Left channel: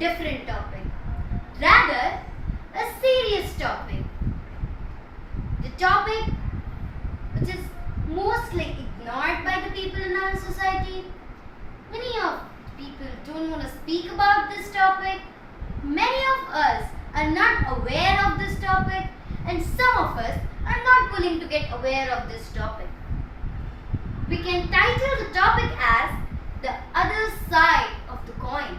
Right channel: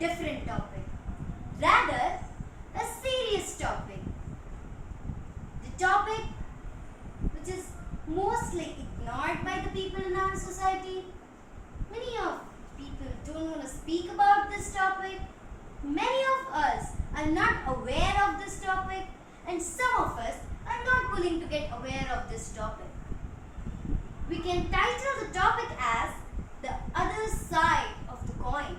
different topic, rather a serious topic. The topic which is mostly ignored by the people in our society. Many of people don't want to speak about this topic. Many of us are not aware of this topic, and some of us are not willing to get aware of this topic. We can title the topic as the other side of the coin.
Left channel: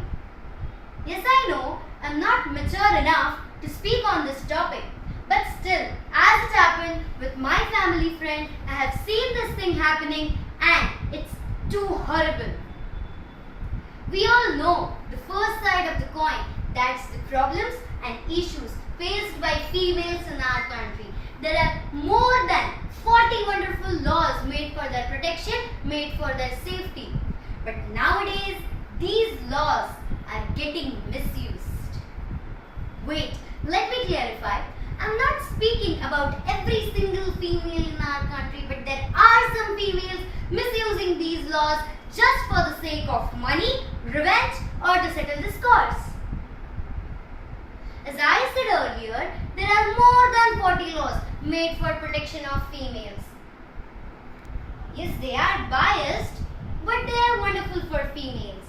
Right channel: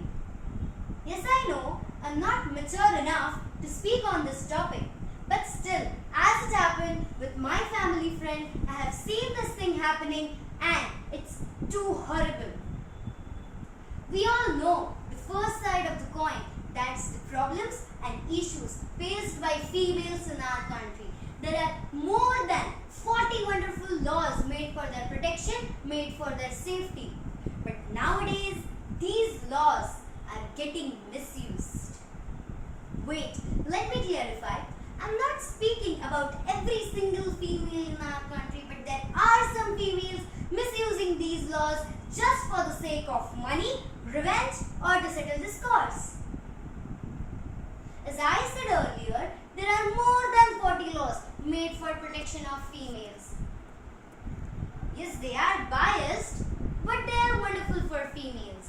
Yes, I know I'm not mature enough to speak on this topic, but still, as it happened with my family friend, I have seen this thing happening and it's too horrible. We all know the first side of the coin, that's the problems and issues faced by females in our country. There are more than 40 wonderful laws made for their protection, made for their safety. But nowadays, these laws are getting misused. Wait, let me clarify. I'm not speaking about every single female in our country, but there are some females misusing these laws just for the sake of money, revenge, or to settle the scores. As I said earlier, there are more than 40 laws made for protection of females. Yes, they are biased, but they are wonderful for females.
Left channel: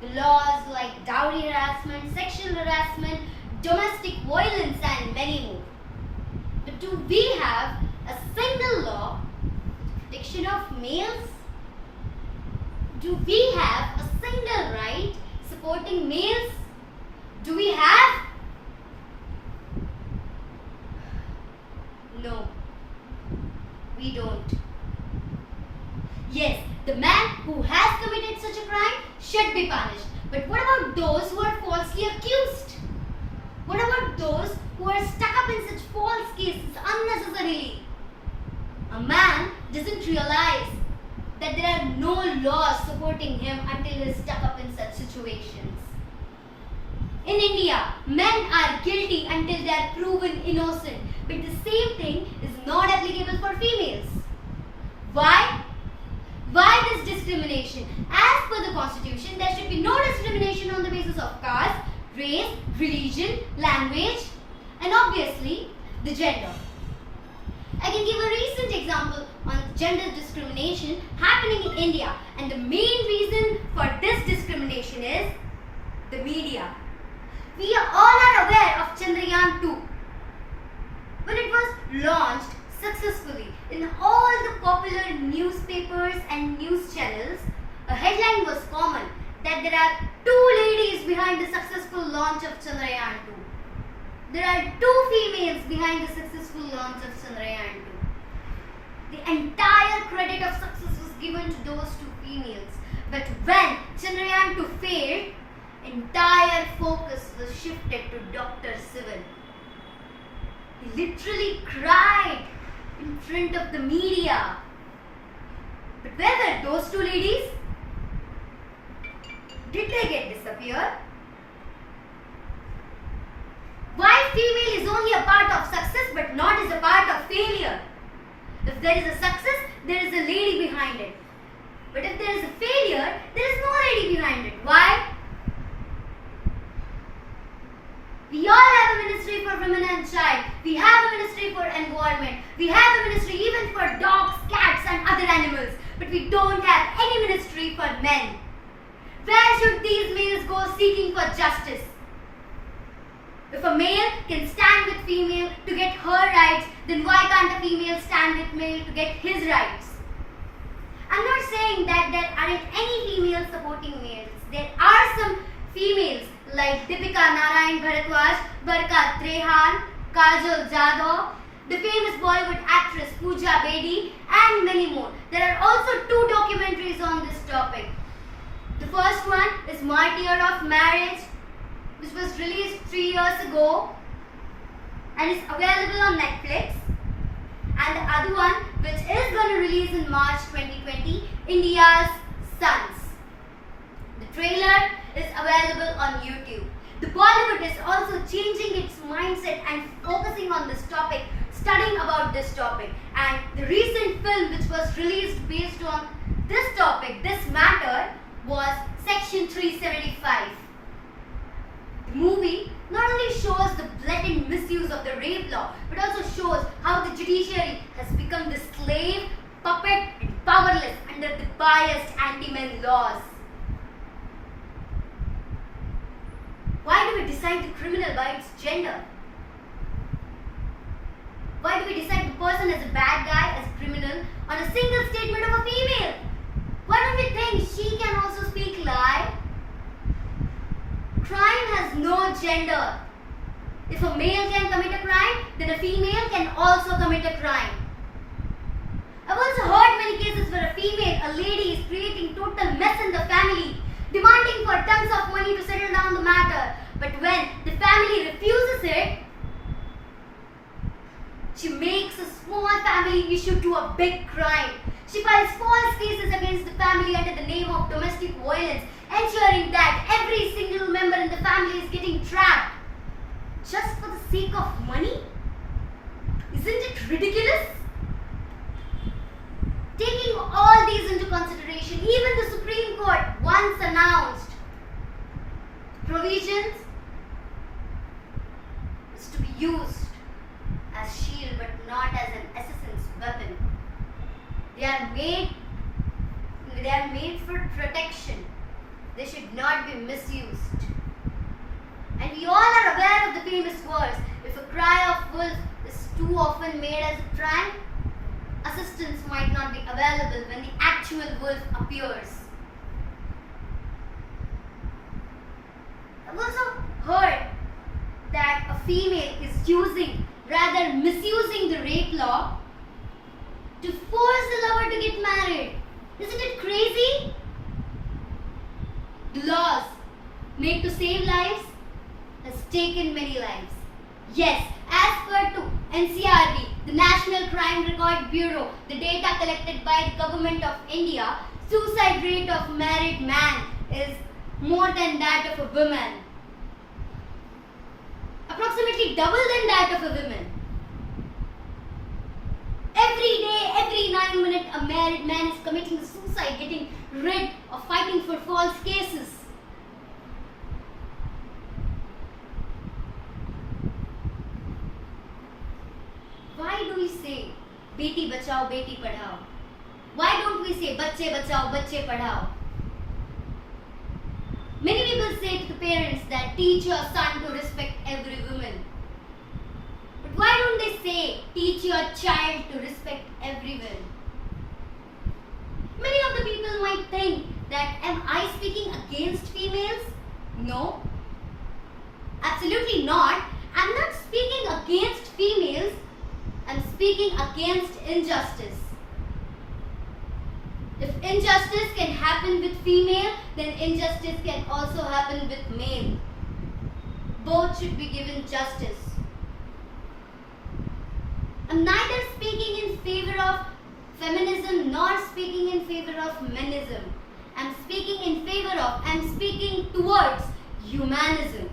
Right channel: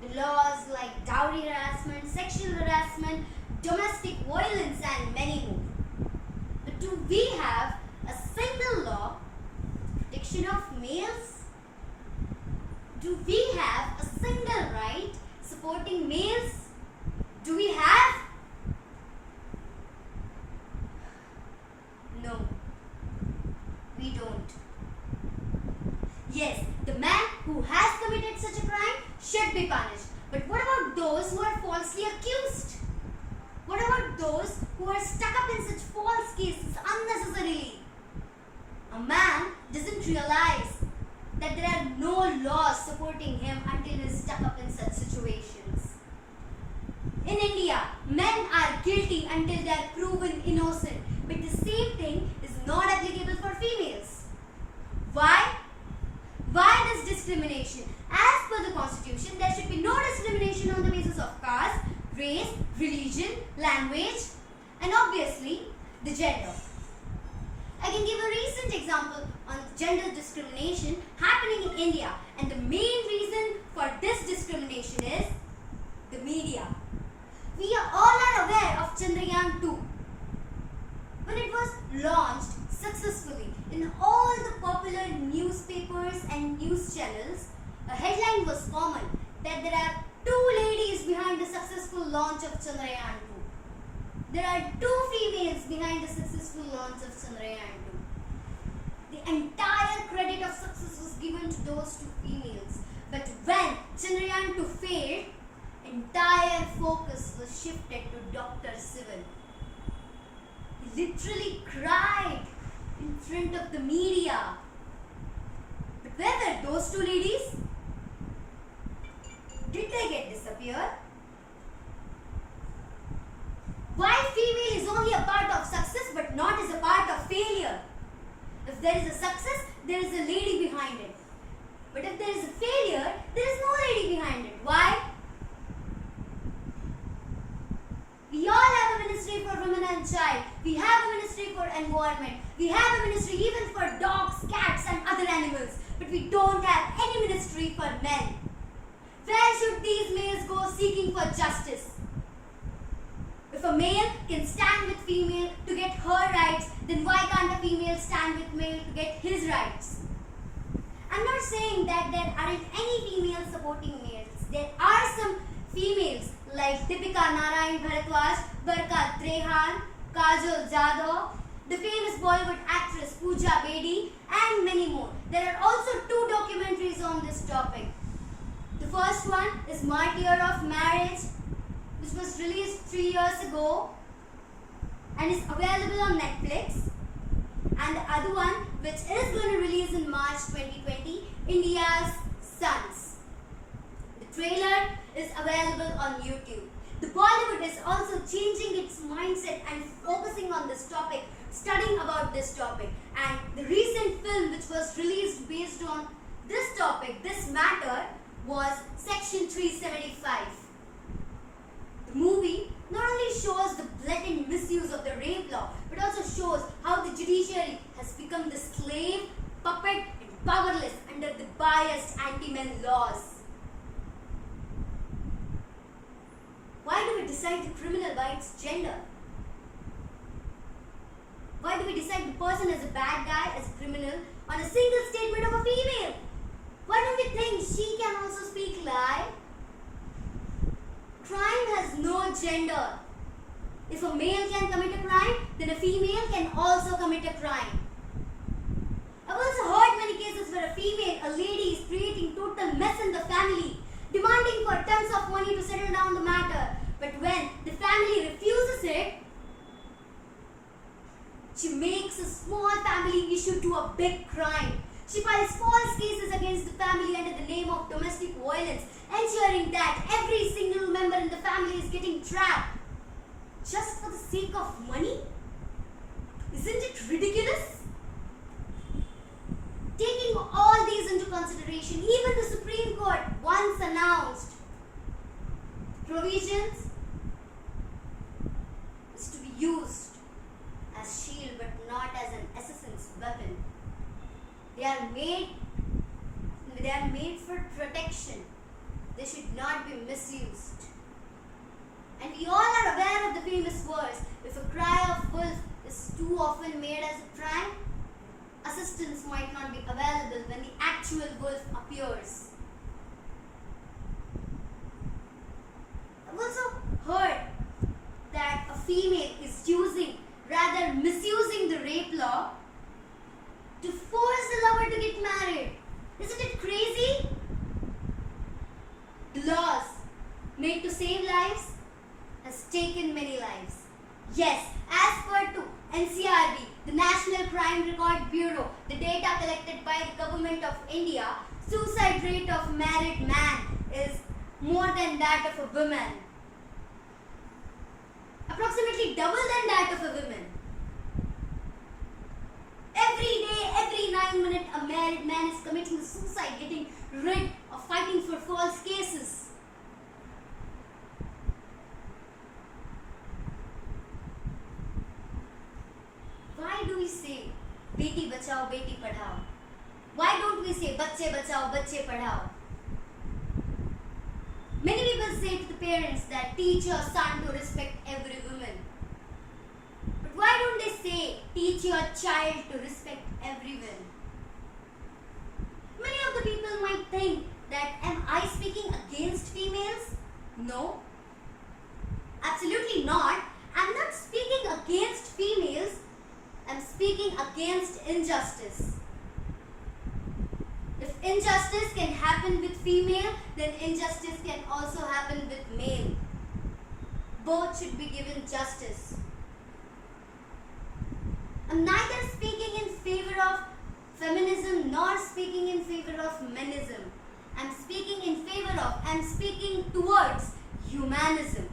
The laws like dowry harassment, sexual harassment, domestic violence, and many more. But do we have a single law for protection of males? Do we have a single right supporting males? Do we have? No, we don't. Yes, the man who has committed such a crime should be punished. But what about those who are falsely accused? What about those who are stuck up in such false cases unnecessarily? A man doesn't realize that there are no laws supporting him until he is stuck up in such situations. In India, men are guilty until they are proven innocent. But the same thing is not applicable for females. Why? Why this discrimination? As per the constitution, there should be no discrimination on the basis of caste, race, religion, language, and obviously the gender. I can give a recent example on gender discrimination happening in India, and the main reason for this discrimination is the media. We all are aware of Chandrayaan 2. When it was launched successfully in all the popular newspapers and news channels, a headline was common that there are two ladies behind the successful launch of Chandrayaan 2. There are two females behind the successful launch of Chandrayaan 2. The entire credit of success was given to those two females. But when Chandrayaan 2 failed, entire focus was shifted to Dr. Sivan. He literally cried in front of the media. But where were those two ladies? Did they get disappeared? Why female is only a part of success but not as a part of failure? If there is a success, there is a lady behind it. But if there is a failure, there is no lady behind it. Why? We all have a ministry for women and child. We have a ministry for environment. We have a ministry even for dogs, cats, and other animals. But we don't have any ministry for men. Where should these males go seeking for justice? If a male can stand with female to get her rights, then why can't a female stand with male to get his rights? I'm not saying that there aren't any females supporting males. There are some females like Deepika Narayan Bharadwaj, Barka Trehan, Kajol Jadhav, the famous Bollywood actress Pooja Bedi, and many more. There are also two documentaries on this topic. The first one is My Year of Marriage, which was released 3 years ago and is available on Netflix. And the other one, which is going to release in March 2020, India's Sons. The trailer is available on YouTube. The Bollywood is also changing its mindset and focusing on this topic, studying about this topic. And the recent film which was released based on this topic, this matter, was Section 375. shows the blatant misuse of the rape law, but also shows how the judiciary has become the slave, puppet, and powerless under the biased anti-men laws. Why do we decide the criminal by its gender? Why do we decide the person as a bad guy, as a criminal, on a single statement of a female? Why don't we think she can also speak lie? Crime has no gender. If a male can commit a crime, then a female can also commit a crime. I've also heard many cases where a female, a lady, is creating total mess in the family, demanding for tons of money to settle down the matter. But when the family refuses it, she makes a small family issue to a big crime. She files false cases against the family under the name of domestic violence, ensuring that every single member in the family is getting trapped. Just for the sake of money? Isn't it ridiculous? Taking all these into consideration, even the Supreme Court once announced provisions is to be used as shield but not as an assassin's weapon. They are made for protection. They should not be misused. And we all are aware of the famous words, if a cry of wolf is too often made as a crime, assistance might not be available when the actual wolf appears. I've also heard that a female is misusing the rape law to force the lover to get married. Isn't it crazy? The laws made to save lives has taken many lives. Yes, as per to NCRB, the National Crime Record Bureau, the data collected by the Government of India, suicide rate of married man is more than that of a woman. Approximately double than that of a woman. Every day, every 9 minutes, a married man is committing suicide, getting rid of fighting for false cases. Why do we say beti bachao, beti padhao? Why don't we say bacche bachao, bacche padhao? Many people say to the parents that teach your son to respect every woman. But why don't they say teach your child to respect everyone? Many of the people might think that am I speaking against females? No. Absolutely not. I'm not speaking against females. I'm speaking against injustice. If injustice can happen with female, then injustice can also happen with male. Both should be given justice. I'm neither speaking in favor of feminism nor speaking in favor of menism. I'm speaking towards humanism.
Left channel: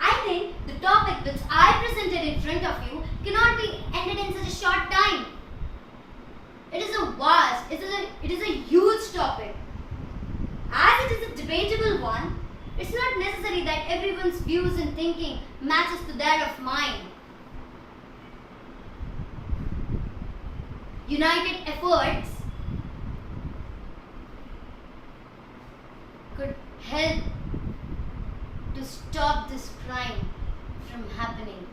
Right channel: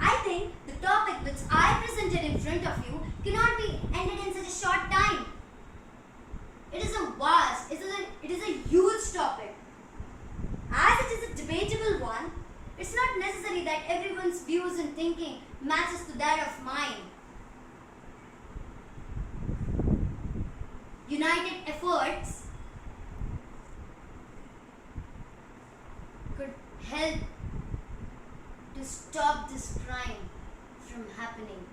I think the topic which I presented in front of you cannot be ended in such a short time. It is a huge topic. As it is a debatable one, it's not necessary that everyone's views and thinking matches to that of mine. United efforts could help to stop this crime from happening.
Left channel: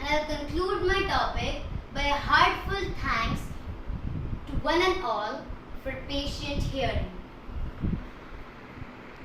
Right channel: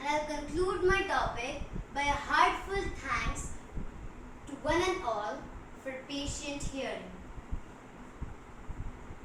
And I'll conclude my topic by a heartfelt thanks to one and all for patient hearing.